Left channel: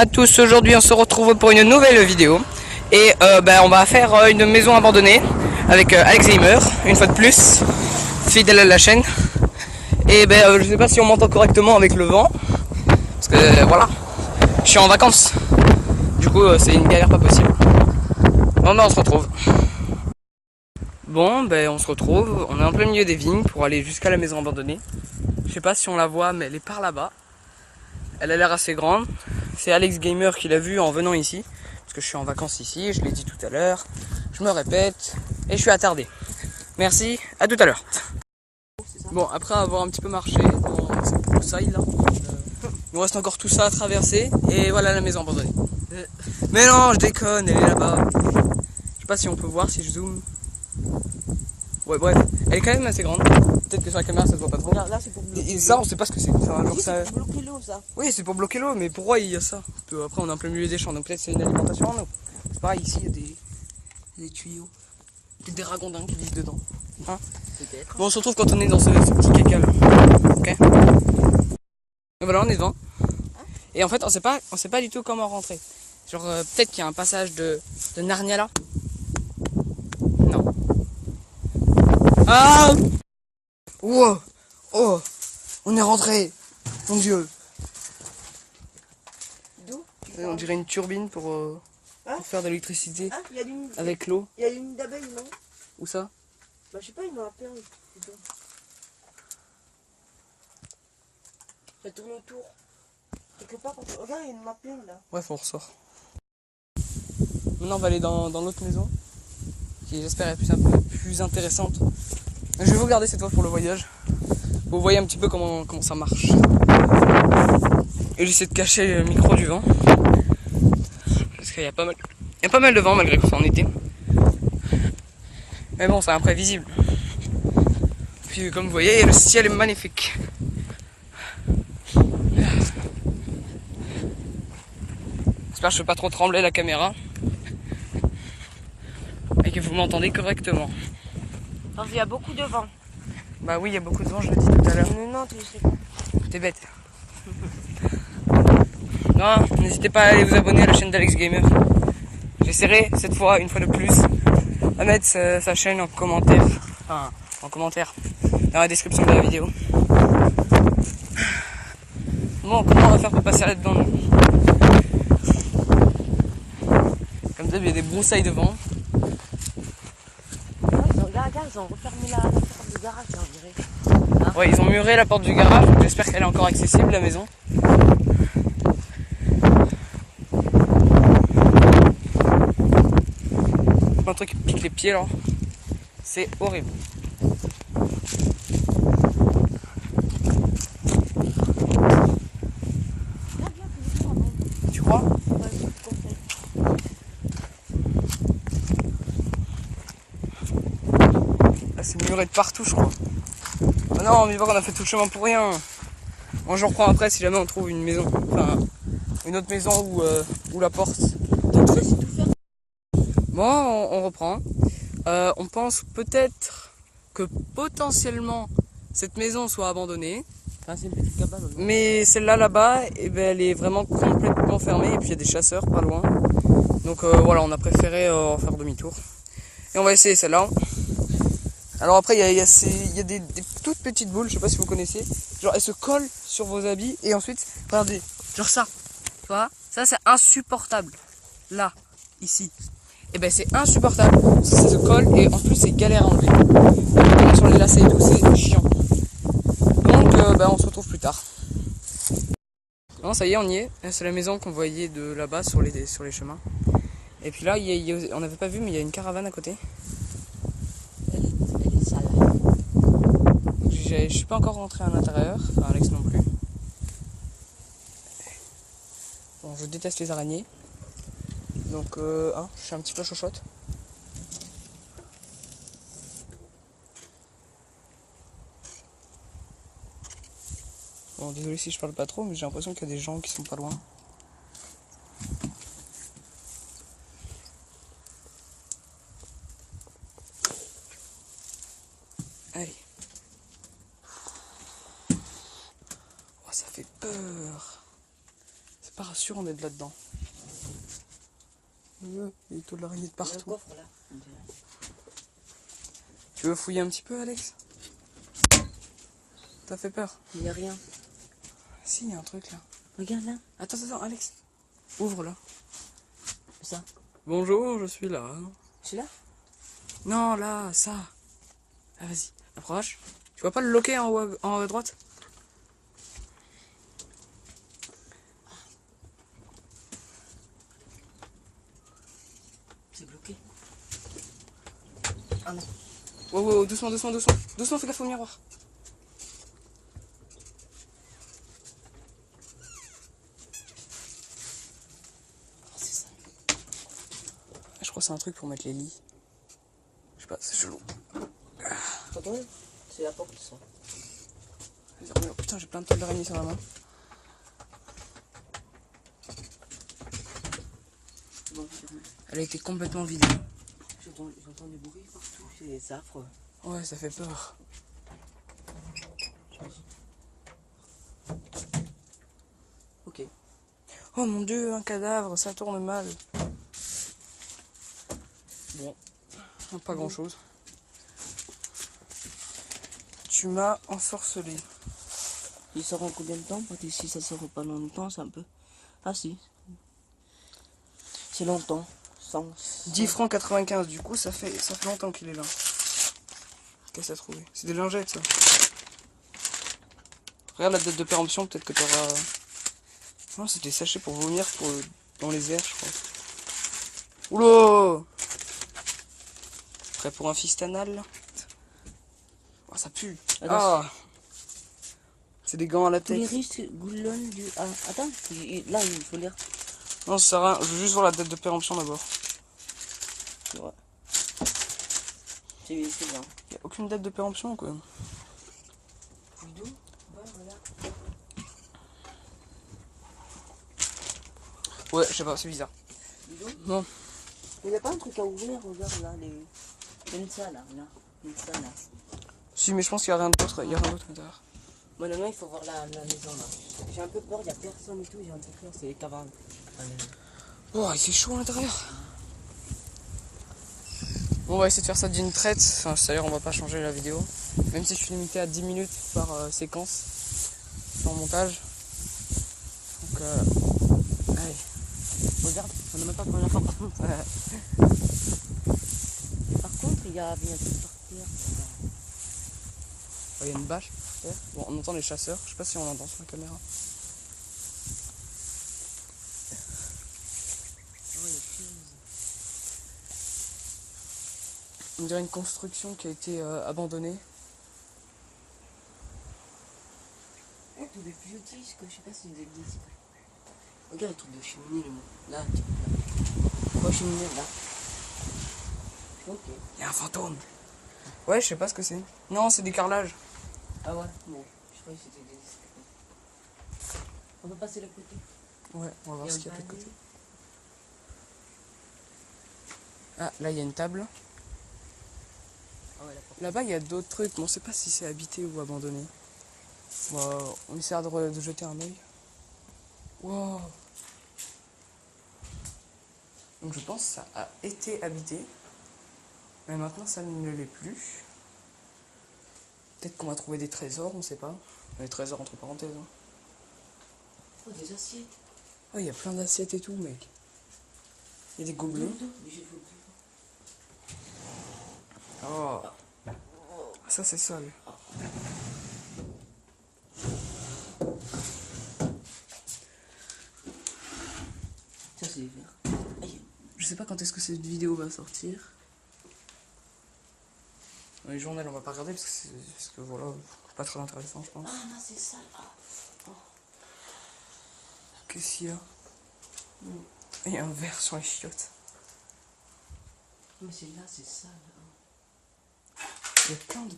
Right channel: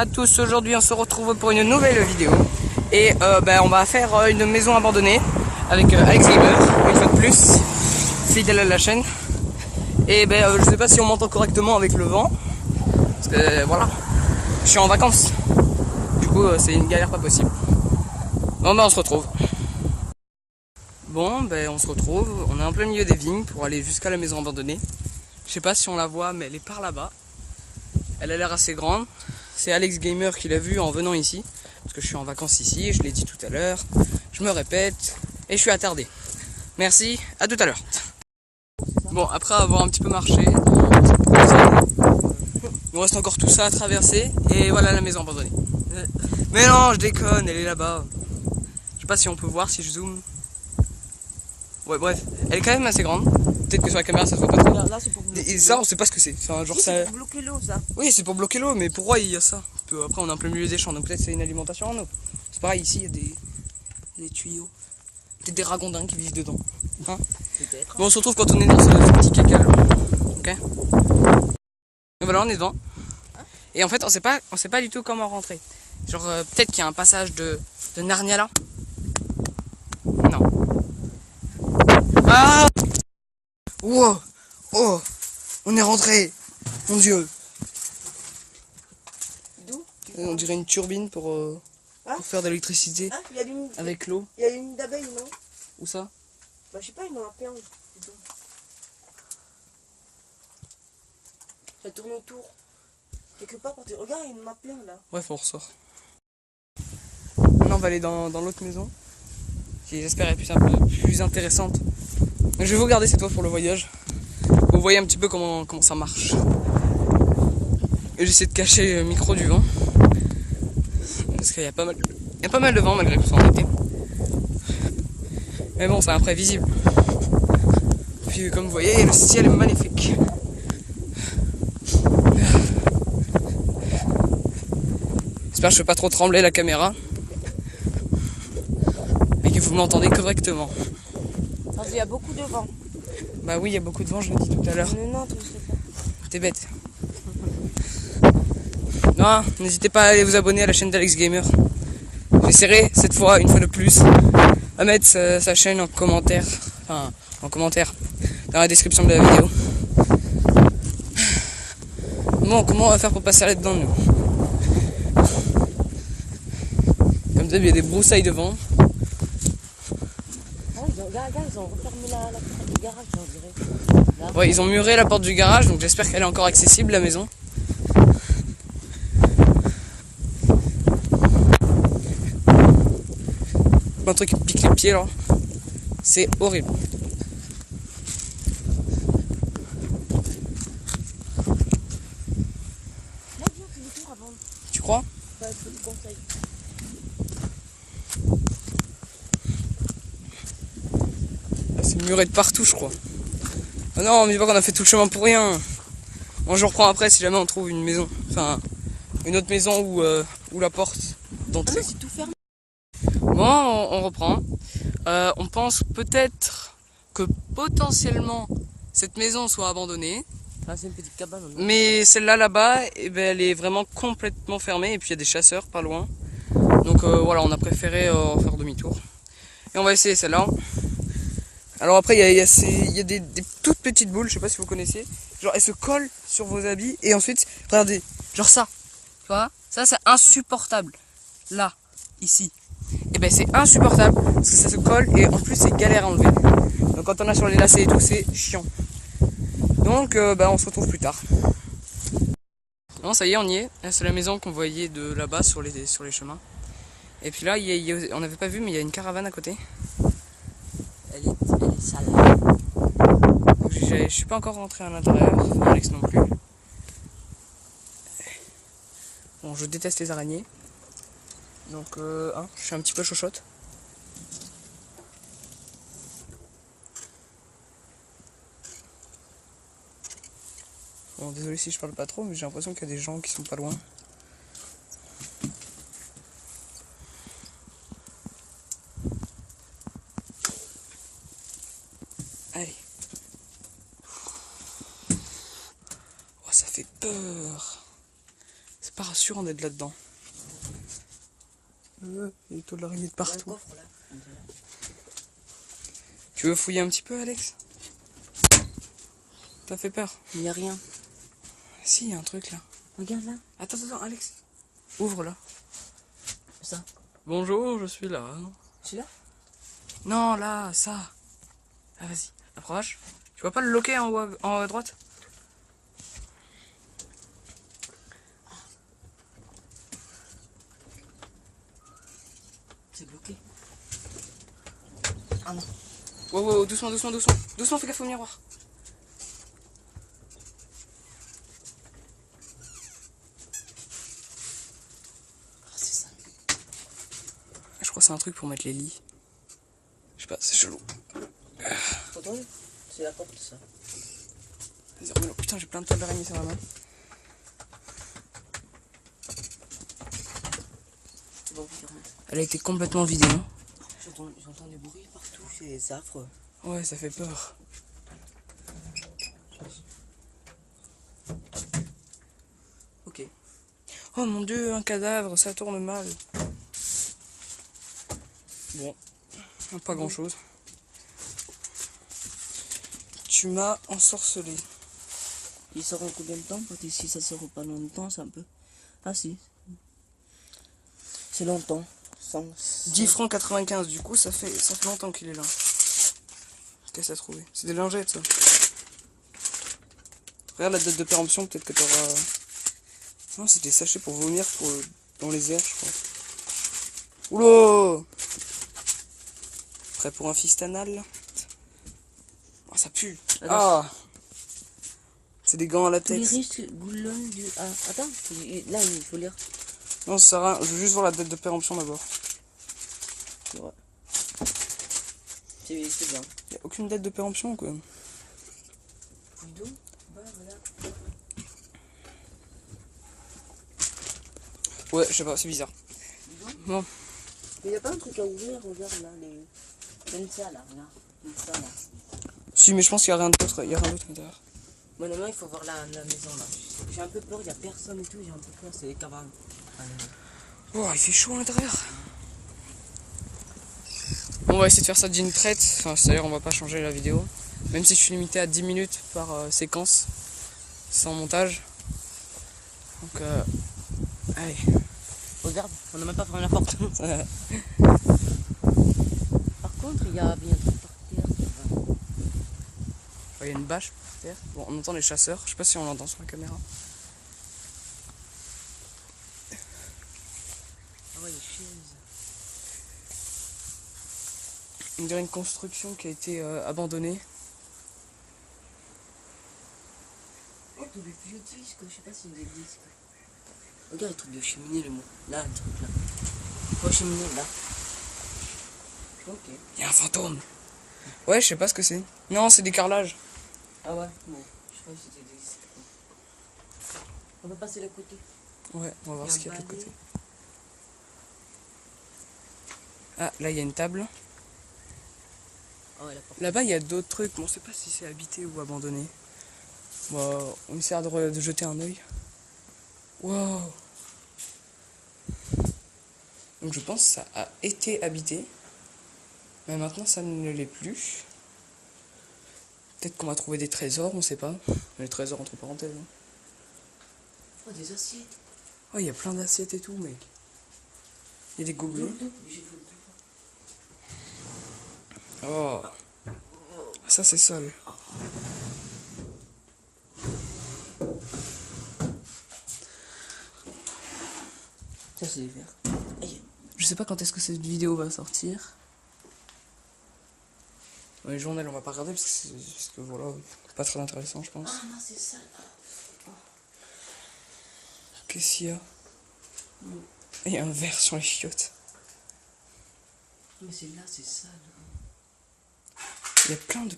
À tous, aujourd'hui on se retrouve pour une nouvelle vidéo et on va faire une maison abandonnée avec Alex Gamer, une fois de plus, fidèle à la chaîne. Et je sais pas si on m'entend correctement avec le vent, parce que voilà, je suis en vacances, du coup c'est une galère pas possible. Bon on se retrouve. Bon on se retrouve, on est en plein milieu des vignes pour aller jusqu'à la maison abandonnée. Je sais pas si on la voit mais elle est par là-bas. Elle a l'air assez grande. C'est Alex Gamer qui l'a vue en venant ici. Parce que je suis en vacances ici, je l'ai dit tout à l'heure. Je me répète. Et je suis attardé. Merci, à tout à l'heure. Bon, après avoir un petit peu marché, il nous reste encore tout ça à traverser. Et voilà la maison abandonnée. Mais non, je déconne, elle est là-bas. Je sais pas si on peut voir si je zoome. Ouais, bref, elle est quand même assez grande. Peut-être que sur la caméra ça se voit pas trop. Là, c'est pour bloquer Et ça, on sait pas ce que c'est. c'est pour bloquer l'eau, ça. Oui, c'est pour bloquer l'eau, mais pourquoi il y a ça? Après, on est en plein milieu des champs, donc peut-être c'est une alimentation en eau. C'est pareil, ici, il y a des tuyaux. Peut-être des ragondins qui vivent dedans. Hein? Peut-être. Bon, on se retrouve quand on est dans ce petit caca là. Ok? Et voilà, on est devant. Et en fait, on sait pas du tout comment rentrer. Genre, peut-être qu'il y a un passage de Narnia là. Non. Ah! Wow! Oh! On est rentré! Mon dieu! D'où? On dirait une turbine pour faire de l'électricité avec l'eau. Il y a une d'abeilles, non? Où ça? Bah, je sais pas, il y en a plein. Ça tourne autour. Quelque part, regarde, il y en a plein là. Bref, on ressort. Maintenant, on va aller dans l'autre maison, qui j'espère est plus intéressante. Je vais vous garder cette fois pour le voyage. Vous voyez un petit peu comment ça marche. Et j'essaie de cacher le micro du vent. Parce qu'il y a pas mal de vent malgré qu'on soit en été. Mais bon, c'est imprévisible. Puis comme vous voyez, le ciel est magnifique. J'espère que je ne fais pas trop trembler la caméra. Et que vous m'entendez correctement. Parce qu'il y a beaucoup de vent. Bah oui, il y a beaucoup de vent, je l'ai dit tout à l'heure. Non, tu sais pas. T'es bête. Non, n'hésitez pas à aller vous abonner à la chaîne d'Alex Gamer. J'essaierai cette fois, une fois de plus, à mettre sa chaîne en commentaire. Enfin, en commentaire. Dans la description de la vidéo. Bon, comment on va faire pour passer là-dedans nous? Comme d'hab, il y a des broussailles de vent. Regarde, ils ont refermé la porte du garage, on dirait. Hein? Ouais, ils ont muré la porte du garage, donc j'espère qu'elle est encore accessible, la maison. Un truc qui me pique les pieds là. C'est horrible. Tu crois? Ouais, je te conseille. C'est muré de partout, je crois. Oh non, mais dis pas qu'on a fait tout le chemin pour rien. Bon, je reprends après si jamais on trouve une maison. Enfin, une autre maison où la porte d'entrée. Bon, on reprend. On pense peut-être que potentiellement cette maison soit abandonnée. Ah, c'est une petite cabane. Mais celle-là là-bas, elle est vraiment complètement fermée. Et puis il y a des chasseurs pas loin. Donc voilà, on a préféré faire demi-tour. Et on va essayer celle-là. Alors après, il y a des toutes petites boules, je sais pas si vous connaissez. Genre, elles se collent sur vos habits et ensuite, regardez, genre ça. Tu vois? Ça, c'est insupportable. Là, ici. Et c'est insupportable. Ça se colle et en plus, c'est galère à enlever. Quand on a sur les lacets et tout, c'est chiant. Donc, on se retrouve plus tard. Non, ça y est, on y est. C'est la maison qu'on voyait de là-bas sur les chemins. Et puis là, on n'avait pas vu, mais il y a une caravane à côté. Elle est sale. Je suis pas encore rentré à l'intérieur, Alex non plus. Bon, je déteste les araignées. Donc, je suis un petit peu chochotte. Bon, désolé si je parle pas trop, mais j'ai l'impression qu'il y a des gens qui sont pas loin. Allez. Oh, ça fait peur. C'est pas rassurant. sûr on est de là-dedans. Il y a des taux de l'araignée de Il y a un partout. coffre là. On dirait. Tu veux fouiller un petit peu, Alex? T'as fait peur? Il n'y a rien. Si, il y a un truc là. Regarde là. Attends, Alex. Ouvre là. Ça. Bonjour, je suis là. Celui-là? Non, là, ça. Ah, vas-y, approche. Tu vois pas le loquet en haut à droite? C'est bloqué. Ah non. Wow, doucement. Doucement, fais gaffe au miroir. Ah, c'est ça. Je crois que c'est un truc pour mettre les lits. Je sais pas, c'est chelou. Attends, c'est la porte ça. Désormais, oh, putain, j'ai plein de toiles d'araignée sur la main. Bon, ferme. Elle a été complètement vidée. Hein. J'entends des bruits partout, c'est affreux. Ouais, ça fait peur. Ok. Oh mon dieu, un cadavre, ça tourne mal. Bon, pas grand chose. Tu m'as ensorcelé. Il sort en combien de temps? Parce que si ça sort pas longtemps, c'est un peu. Ah si. C'est longtemps. 10 francs 95, du coup, ça fait longtemps qu'il est là. Qu'est-ce que t'as trouvé? C'est des lingettes, ça. Regarde la date de péremption, peut-être que t'auras... Non, c'est des sachets pour vomir dans les airs, je crois. Oula! Prêt pour un fistanal, là? Oh, ça pue. Ah! C'est des gants à Tous les latex. risques goulonnent du. Ah, attends, là il faut lire. Non, ça sert à rien. Je veux juste voir la date de péremption d'abord. Ouais. C'est bien. Y a aucune date de péremption, quoi. D'où? Ouais, voilà. Ouais, je sais pas, c'est bizarre. Non. Mais y a pas un truc à ouvrir, regarde là, les. Comme ça là, là. Comme ça là. Si, mais je pense qu'il y a rien d'autre. Il y a rien d'autre à l'intérieur. Bon, non, il faut voir la maison là. J'ai un peu peur, y a personne et tout, j'ai un peu peur, c'est les cabanes. Allez. Oh, il fait chaud à l'intérieur. Bon, on va essayer de faire ça d'une traite. Enfin, d'ailleurs, on va pas changer la vidéo. Même si je suis limité à 10 minutes par séquence. Sans montage. Donc, allez. Regarde, on n'a même pas fermé la porte. Par contre, il y a bien un truc par terre. Il y a une bâche par terre. Bon, on entend les chasseurs. Je sais pas si on l'entend sur la caméra. Ah ouais, les chaises. On dirait une construction qui a été abandonnée. Oh, tous les vieux disques, je sais pas si c'est une église. Regarde le truc de cheminée, le mot. Là, le truc là. Oh, cheminée, là. Ok. Il y a un fantôme. Ouais, je sais pas ce que c'est. Non, c'est des carrelages. Ah ouais, bon. Je croyais que c'était des. On peut passer le côté. Ouais, on va voir Il y a ce qu'il y a de un l'autre côté. balai. Ah, là, il y a une table. Ah ouais, la porte. Là-bas, il y a d'autres trucs, mais on sait pas si c'est habité ou abandonné. Bon, on essaiera de jeter un œil. Wow. Donc je pense que ça a été habité. Mais maintenant, ça ne l'est plus. Peut-être qu'on va trouver des trésors, on sait pas. Les trésors entre parenthèses. Hein. Oh, des assiettes. Oh, il y a plein d'assiettes et tout, mec. Il y a des gobelets. Oh. Ça, c'est sale. Ça, c'est des verres. Aïe. Je sais pas quand est-ce que cette vidéo va sortir. Les journaux, on va pas regarder parce que voilà, pas très intéressant, je pense. Ah non, c'est ça. Qu'est-ce qu'il y a? Il y a un verre sur les chiottes. Non, c'est là, c'est sale. Il y a plein de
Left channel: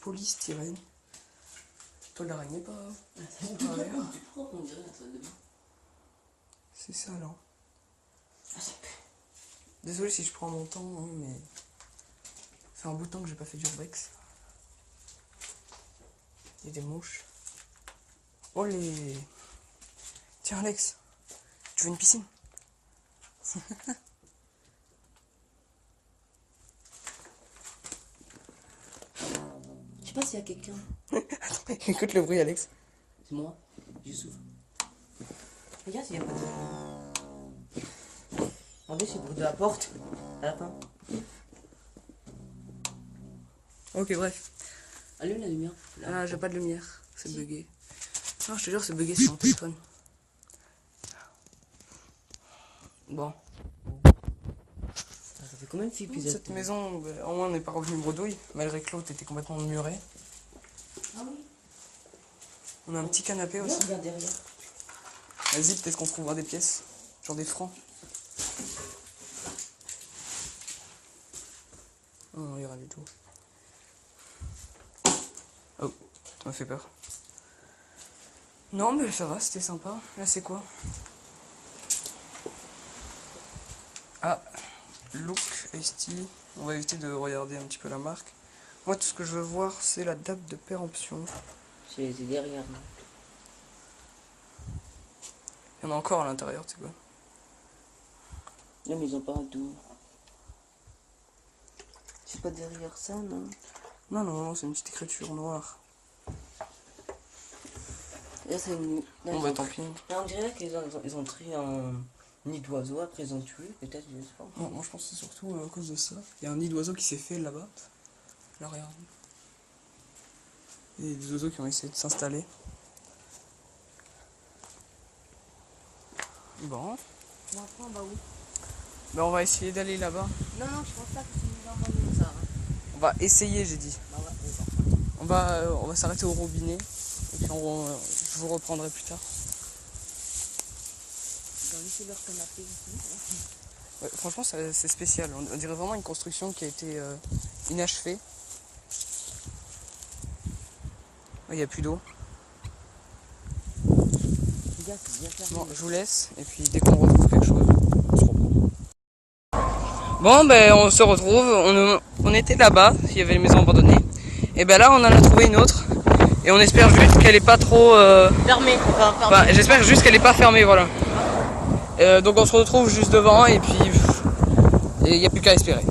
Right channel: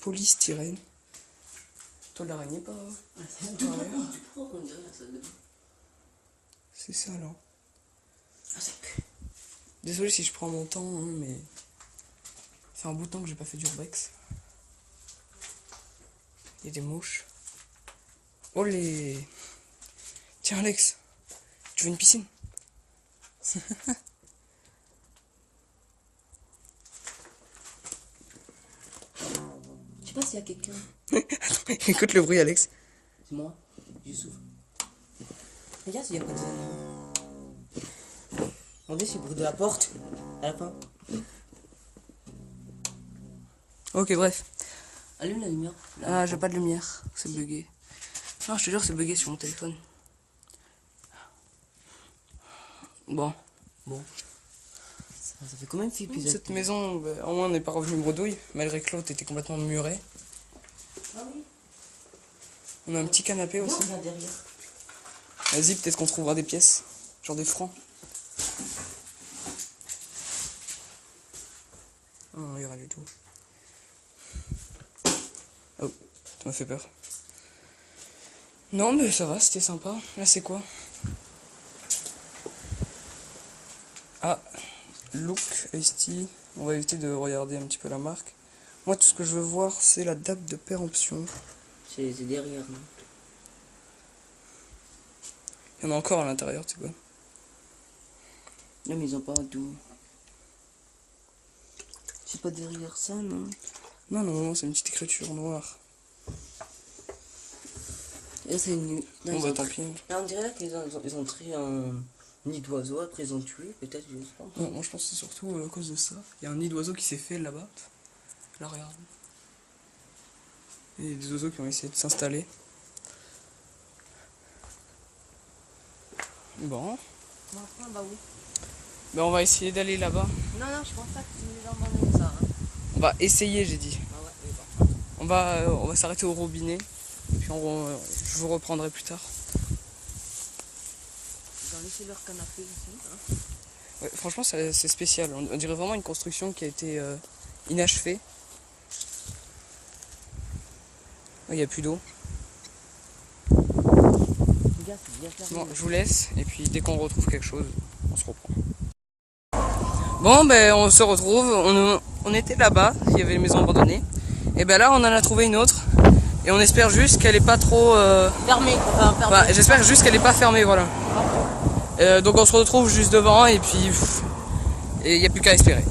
polystyrène. Toi, l'araignée, pas. On dirait la salle de bain. C'est ça, là. Ah, ça pue. Désolé si je prends mon temps, hein, mais. Ça fait un bout de temps que j'ai pas fait d'urbex. Il y a des mouches. Oh les. Tiens, Alex. Tu veux une piscine? Je sais pas s'il y a quelqu'un. Écoute le bruit, Alex. C'est moi, je souffle. Regarde s'il y a pas de. Regardez c'est le bruit de la porte. À la fin. Ok, bref. Allume la lumière. Ah, j'ai pas de lumière. C'est bugué. Non, je te jure, c'est bugué sur mon téléphone. Bon. Ça fait combien d'épisodes? Cette maison, bah, au moins, on n'est pas revenu bredouille, malgré que l'autre était complètement muré. Ah oui. On a un petit canapé Non, aussi. regarde derrière. Vas-y, peut-être qu'on trouvera des pièces. Genre des francs. Oh, il y aura du tout. Oh, ça m'a fait peur. Non, mais ça va, c'était sympa. Là, c'est quoi? Ah, Look ST. On va éviter de regarder un petit peu la marque. Moi, tout ce que je veux voir, c'est la date de péremption. C'est derrière, non? Il y en a encore à l'intérieur, tu vois. Non, mais ils ont pas tout. C'est pas derrière ça, non? Non, non, c'est une petite écriture noire. Là, c'est une. Là, Bon, ils bah ont- tant pis. Là, on dirait qu'ils ont tiré un nid d'oiseau, après ils ont tué, peut-être, je sais pas. Non, moi je pense que c'est surtout à cause de ça. Il y a un nid d'oiseau qui s'est fait là-bas. Là, regarde. Il y a des oiseaux qui ont essayé de s'installer. Bon. Bon, après, on va où? Ben, on va essayer d'aller là-bas. Non, non, je pense pas que c'est une maison ça. Hein. On va essayer, j'ai dit. Bah ouais, mais bon. On va s'arrêter au robinet. Et je vous reprendrai plus tard. Ils ont laissé leur canapé ici. Hein. Ouais, franchement, c'est spécial. On dirait vraiment une construction qui a été inachevée. Il n'y a plus d'eau. Regarde, c'est bien fermé. Bon, je vous laisse. Et puis, dès qu'on retrouve quelque chose, on se reprend. Bon, ben, on se retrouve. On était là-bas. Il y avait les maisons abandonnées. Et ben là, on en a trouvé une autre. Et on espère juste qu'elle est pas trop... Fermé, enfin fermé. Bah, j'espère juste qu'elle est pas fermée, voilà. Donc on se retrouve juste devant et puis... Et il n'y a plus qu'à espérer.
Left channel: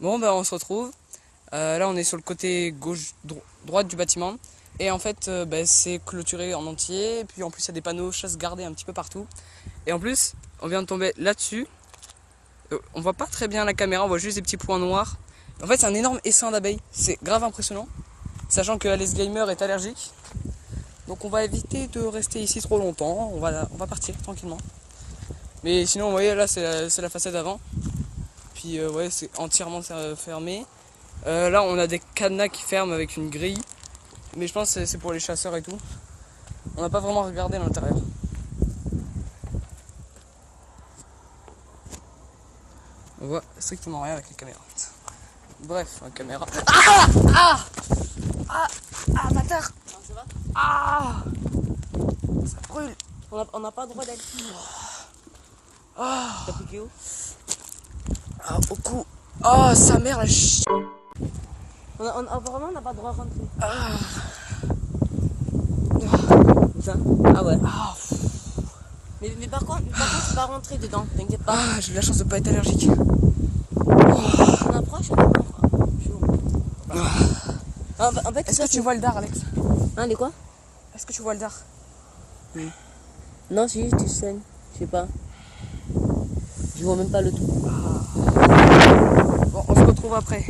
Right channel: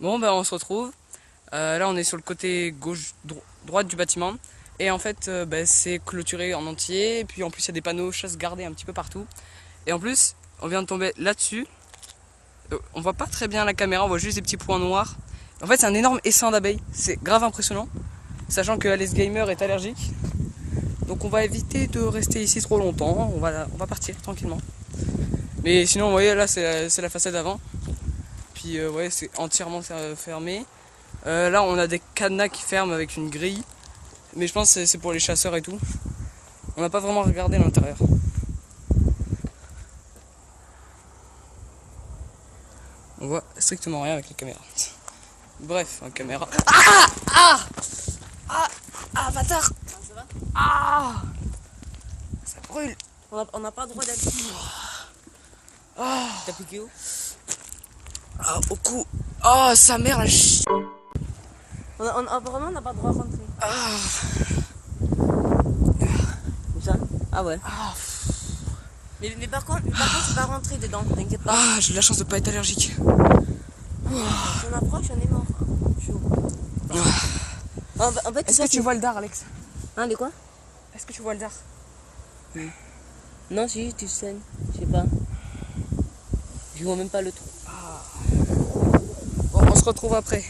Bon, ben on se retrouve. Là, on est sur le côté gauche, droite du bâtiment. Et en fait, c'est clôturé en entier. Et puis en plus, il y a des panneaux chasse gardée un petit peu partout. Et en plus, on vient de tomber là-dessus. On voit pas très bien la caméra, on voit juste des petits points noirs. En fait, c'est un énorme essaim d'abeilles. C'est grave impressionnant. Sachant que Alex Gamer est allergique. Donc on va éviter de rester ici trop longtemps. On va partir tranquillement. Mais sinon, vous voyez, là, c'est la façade avant. Puis, ouais, c'est entièrement fermé. Là, on a des cadenas qui ferment avec une grille. Mais je pense que c'est pour les chasseurs et tout. On n'a pas vraiment regardé l'intérieur. On voit strictement rien avec la caméra. Bref, la caméra. Ah, bâtard! Ça va? Ah! Ça brûle! On n'a pas le droit d'aller. Ah! T'as piqué où? Ah, au cou! Oh, sa mère, la ch... Apparemment, on n'a pas le droit de rentrer. Ah! Où ça? Ah ouais. Ah! Mais par contre, tu vas rentrer dedans, t'inquiète pas. Ah, j'ai de la chance de pas être allergique. On approche, on approche. En fait, Est-ce que tu vois le dard, Alex? Hein, les quoi? Est-ce que tu vois le dard? Non, si, tu saignes. Je sais pas. Je vois même pas le tout. Bon, on se retrouve après.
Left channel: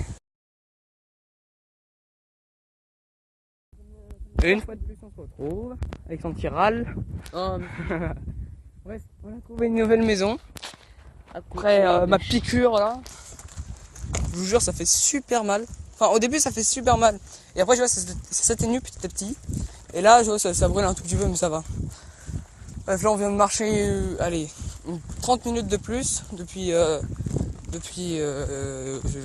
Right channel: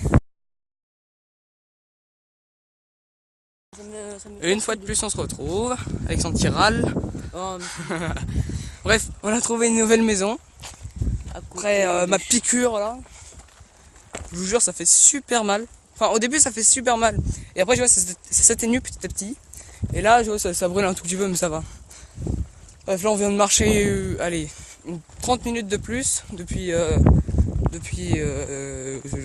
Et une fois de plus, on se retrouve avec son petit râle. Oh, Bref, on a trouvé une nouvelle maison. après, Après ma piqûre là, je vous jure, ça fait super mal. Enfin, au début, ça fait super mal. Et après, je vois, ça s'atténue petit à petit. Et là, je vois, ça brûle un tout petit peu, mais ça va. Bref, là, on vient de marcher, allez, 30 minutes de plus depuis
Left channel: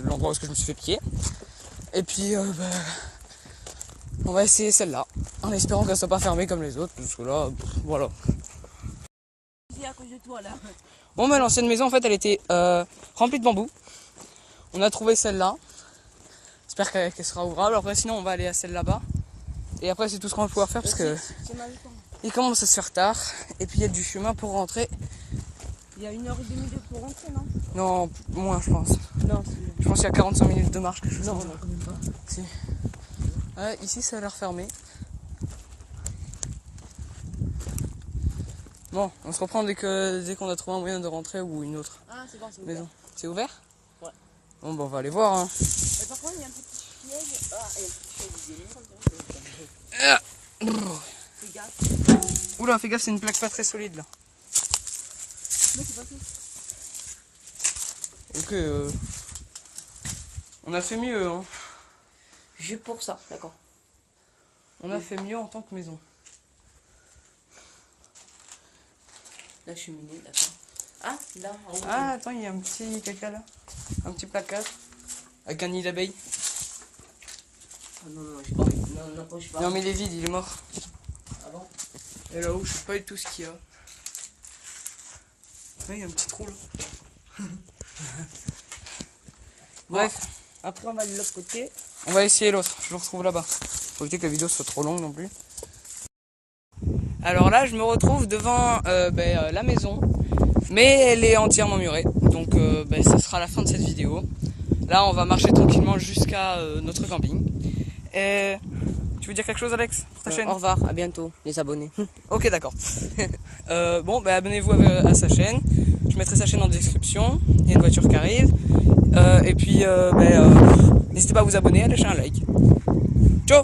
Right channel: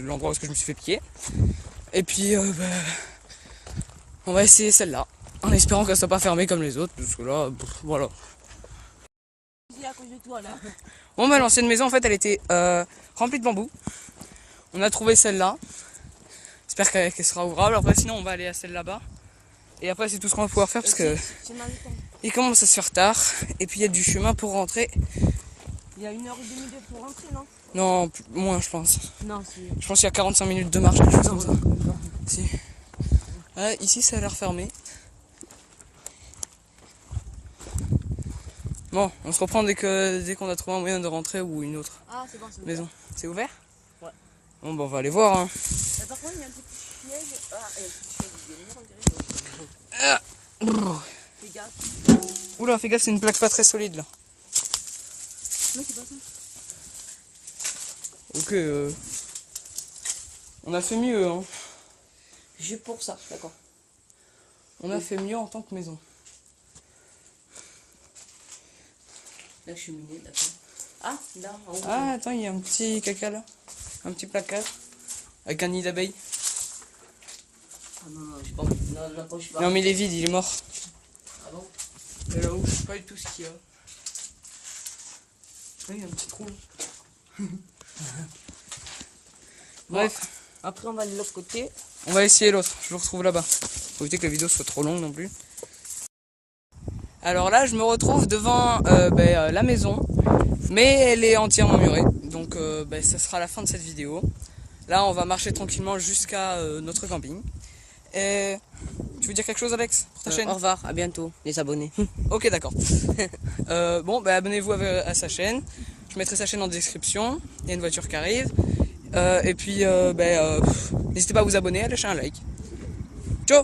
l'endroit où je me suis fait piquer. Et puis, on va essayer celle-là, en espérant qu'elle soit pas fermée comme les autres, parce que là, voilà. c'est à cause de toi là. Bon, bah, l'ancienne maison, en fait, elle était remplie de bambou. On a trouvé celle-là. J'espère qu'elle sera ouvrable. Après, sinon, on va aller à celle là-bas. Et après, c'est tout ce qu'on va pouvoir faire parce que C'est mal le temps. Il commence à se faire tard. Et puis il y a du chemin pour rentrer. Il y a 1h30 pour rentrer, non? Non, moins je pense. Non, c'est... Je pense qu'il y a 45 minutes de marche, quelque chose Non, comme ça. comme ça. Si. Ici ça a l'air fermé. Bon, on se reprend dès qu'on a trouvé un moyen de rentrer ou une autre Ah, c'est bon, c'est ouvert. maison. C'est ouvert? Ouais. Bon, bah on va aller voir. Hein. Par contre, il y a un petit piège. Ah, il y a un petit piège. Il y a une heure, fais gaffe. Oula, fais gaffe, c'est une plaque pas très solide là. Non, c'est pas tout. Ok, on a fait mieux, hein. Juste pour ça, d'accord. On a fait mieux en tant que maison. La cheminée, d'accord. Ah, là, en haut. Ah, attends, il y a un petit caca là. Un petit placard. Avec un nid d'abeille. Ah non, non, je sais pas. Non, n'approche pas. Non, mais il est vide, il est mort. Ah bon? Et là-haut, je sais pas du tout ce qu'il y a. Oui, il y a un petit trou là. Bref, Après, on va aller de l'autre côté. on va essayer l'autre. Je vous retrouve là-bas. Faut éviter que la vidéo soit trop longue non plus. Alors là, je me retrouve devant la maison. Mais elle est entièrement murée. Donc ça sera la fin de cette vidéo. Là, on va marcher tranquillement jusqu'à notre camping. Et tu veux dire quelque chose, Alex, pour ta chaîne? Au revoir, à bientôt, les abonnés. Ok, d'accord. Abonnez-vous à sa chaîne. Je mettrai sa chaîne en description. Il y a une voiture qui arrive. Et puis, n'hésitez pas à vous abonner, à lâcher un like. Ciao!